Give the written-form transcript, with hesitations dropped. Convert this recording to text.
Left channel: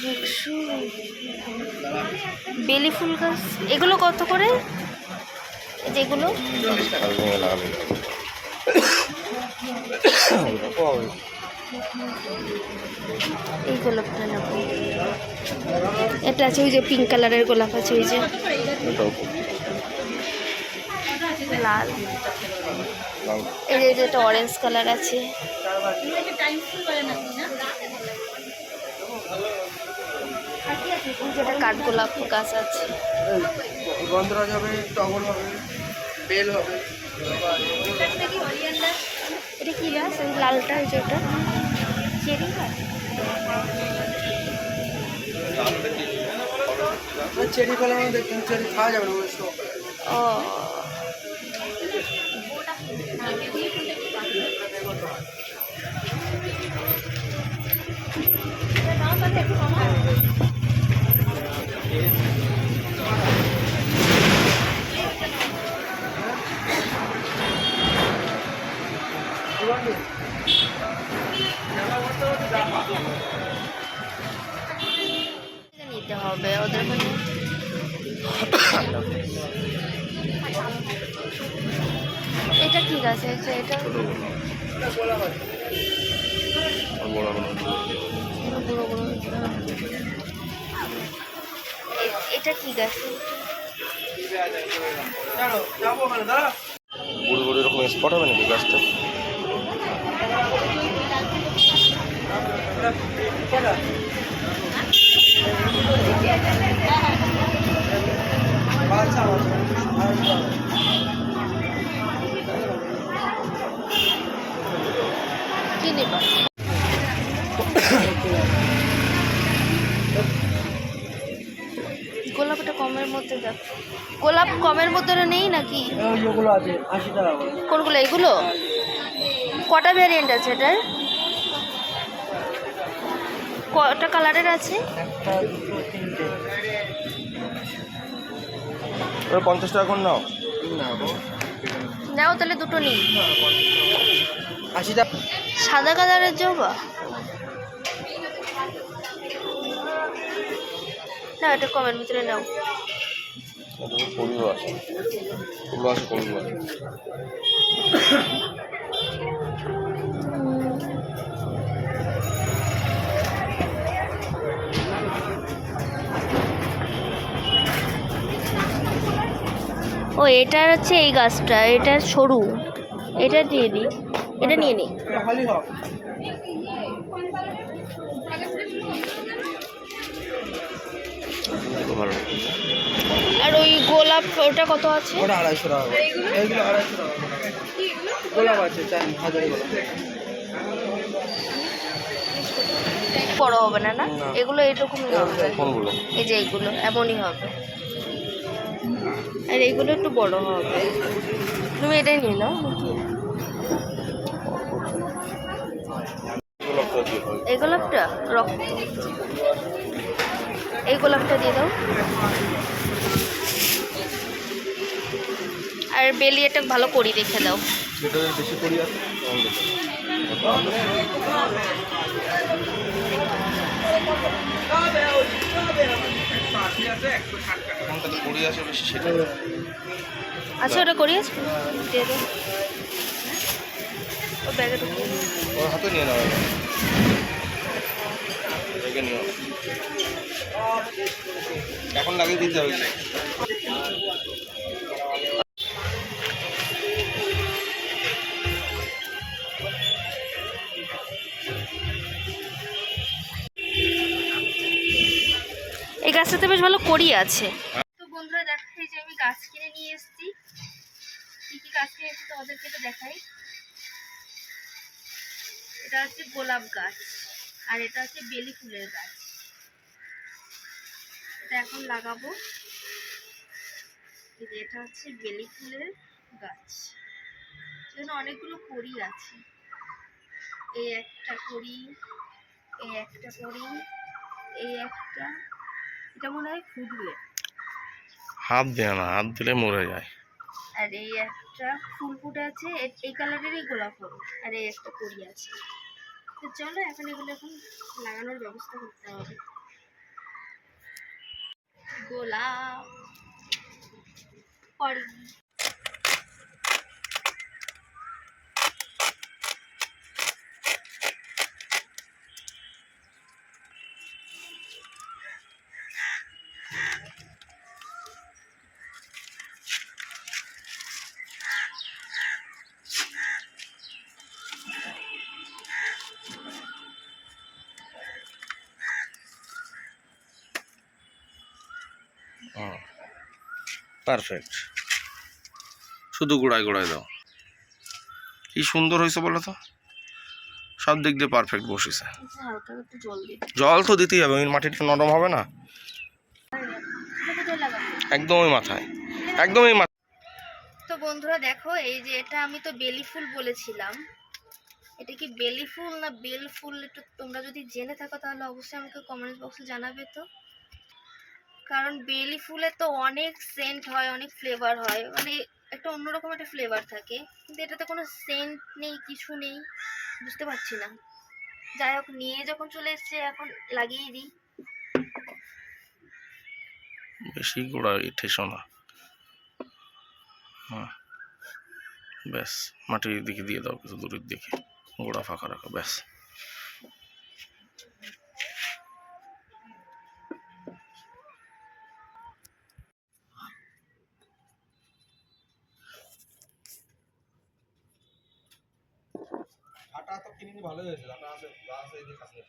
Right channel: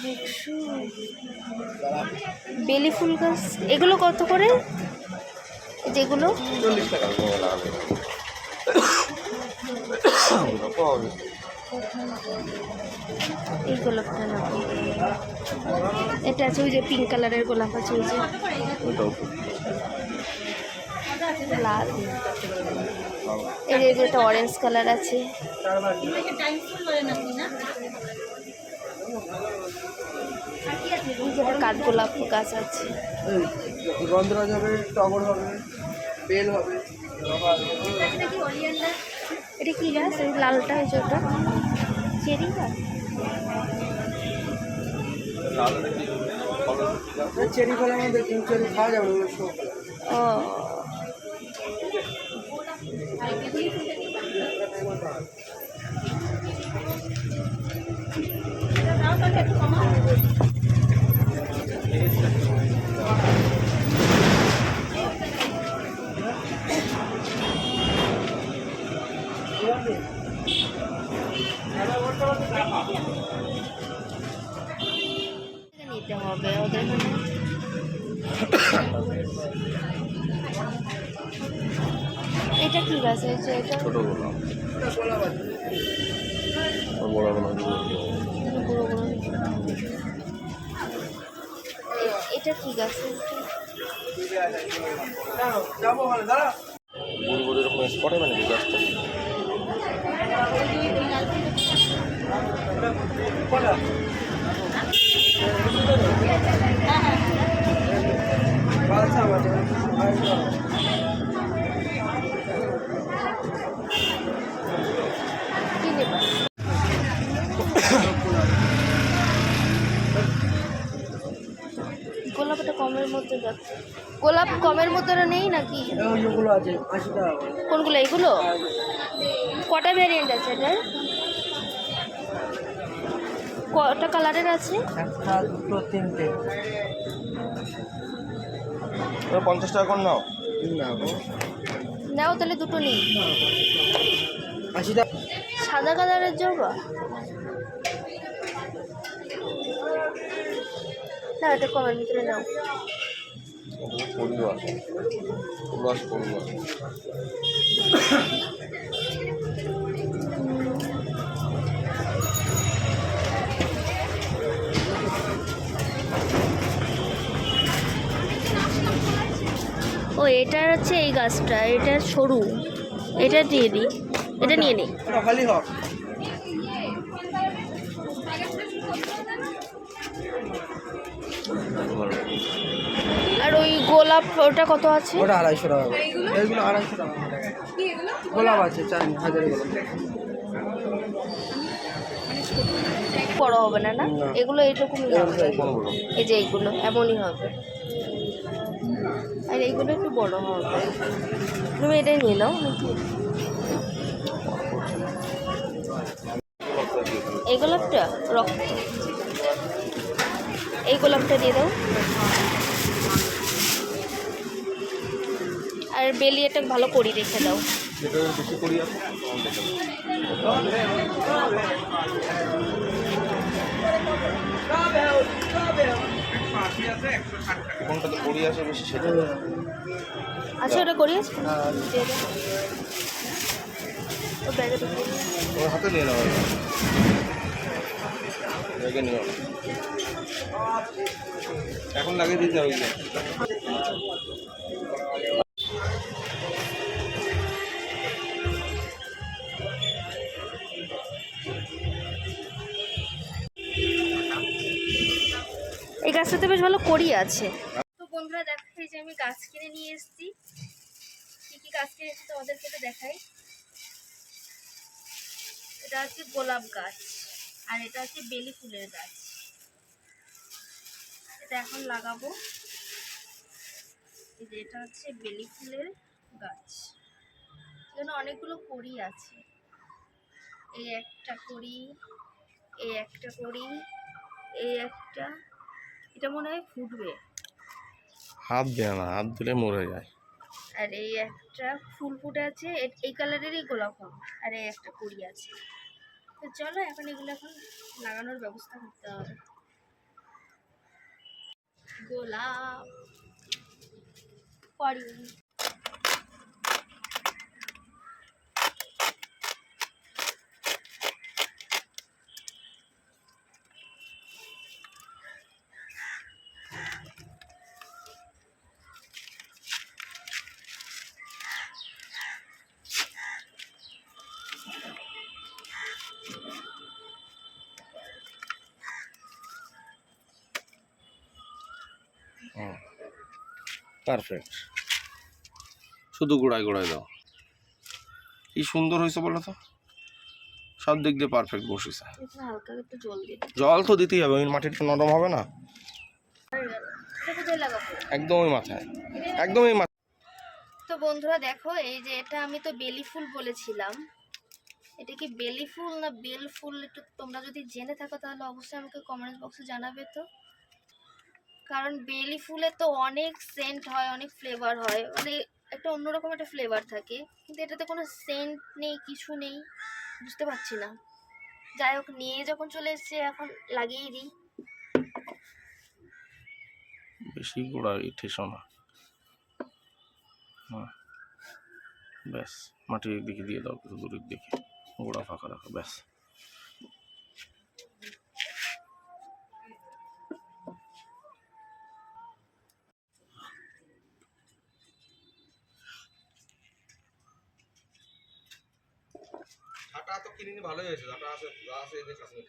100 বেলি ফুল গাছ এগুলো কত করে? যেগুলো 40 টাকা এই গোলাপটা নেবো। এটা আছে ওই যে পিঙ্ক কালারের গোলাপ আছে, ওই যে লাল, এই যে যেটা অরেঞ্জ কালার আছে। যেটা কাঠগোলাপ গাছ আছে, গন্ধরাজ হবে, টগর হবে, বেল হবে। এটা কি গাছ? ওই লালটা, ওই যে ওটা চেরি গাছ। চেরি ফলের মধ্যে চেরি খাওয়া যাবে না। ও নিতে হবে ওদের মানে। এটা কি গাছ আছে? এটা বুড়ো বুড়ো। এটা কি গাছ? বুড়ি বুড়ি এরকম স্পট হবে নাকি গাছটা? কি নেবা? গোলাপটা কমের মধ্যে দেখ। গোলাপ কমের মধ্যে নেই নাকি? ওইগুলো আছে 80 টাকা। কোনগুলো? এইগুলো কটা ভ্যারিয়েন্ট আছে এটার? কটা কালারের আছে? একটা, দুটো, তিনটে। 50 টাকা করে নাও। না নাও তাহলে দুটো নিই। 80 টাকা। সাদা কালারের জবা না, এটা কমের ভিতরে নাও। ফুলও আছে, ফুল আছে, ফুল আছে। ও এটা হচ্ছে এই গাছটা, এটা সরু, এটা দিয়ে দিই, এটা নিয়ে নিই। খালি হোক। আর ওই গোলাপ ওটা কত আছে? ওটা 250 টাকা। এইগুলো 250 টাকা। গোলাপ আছে 4000 গোলাপ। বড় হবে না না? এগুলো এইরকমই হবে। কোনগুলো? এই যে এইগুলো এমনই হবে, আর এইগুলো একটু বড় হবে। তুমি এটাই নিয়ে নাও নাকি? এই গোলাপটা রক্ত, এই গোলাপটা দিয়ে দাও। আর বেলি এটা ভালো করি রেখে দাও। বেশি করি আছে। কোনটা তো করি আছে বেশি সেটা। আচ্ছা ওটা করি আছে, দিয়ে দাও। ও ব্যাগে ঢুকিয়ে দাও। ওর হাতে নিয়ে নাও, ব্যাগে নিও। এখন লাগিয়ে দিতে হবে। এই গাছটাতে বেশ ভালো করি আছে। তো বন্ধুরা দেখাই যে আমি গাছ কিনে নিয়ে এসেছি। কি কি গাছ কিনে এসেছি ওদেরকে তো দেখাই। এটা হচ্ছে গোলাপ গাছ, আর এটা হচ্ছে বেলি ফুলের গাছ। এটা এখন লাগাবো। এই যে এটা হচ্ছে বেলি ফুলের গাছ, এখানে অনেকগুলো কড়ি আছে। এই একটা কড়ি, এই একটা কড়ি, এই একটা, এটা মনে হয় ফুটবে। হাত দেয় না, হাত দিলে মরে যায়। আর এই একটা ফুল ফুটে আছে, এই কালারেরই গোলাপ হবে। আর এই একটা কড়ি আছে। তো চলো এখন এগুলো এখন লাগানোর ব্যবস্থা করতে হবে। গোলাপ পরি। পারফেক্ট, শুধু গোড়ায় গোড়ায় দাও। কি সুন্দর হয়েছে বলো তো, সব দিক দিয়ে পারফেক্ট বসেছে। এটা হালকা একটু জল দিয়ে জল তো দিতেই হবে, ওই মাটিটা নরম হবে না। হয়ে গেল। এটা কোথায় লাগাবো? একদমই মাথায়, একদমই মাথায়। তো বন্ধুরা দেখো, এই যে এটা আমি তো বেলি ফুল বলেছিলাম, এটা কি বেলি ফুল না বেল ফুল, একটু তোমরা যদি জেনে থাকো তাহলে অবশ্যই আমাকে কমেন্ট বক্সে জানাবে। তো কারণ বেলি ফুলে তো অনেক সেন্ট হয়, অনেক ফ্লেভার হয়, মানে একটা অন্যরকম একটা ফ্লেভার থাকে, কিন্তু এটাতে কোনো সেন্ট নেই, কিছু নেই, বুঝতে পারছি না। যাই হোক, নিয়ে যখন চলে এসেছে এখন লাগিয়ে দিই। বেশি গোড়ায় ঠেসো না। হ্যাঁ ব্যাস, মাটির দিকে দিয়ে দাও, কিছু দূরের দিকে, গোড়া ফাঁকা রাখো, ব্যাস। আটা তো কিনে ভালোই হয়েছে, আটা আছে, আছে এই যে কাশ্মীর।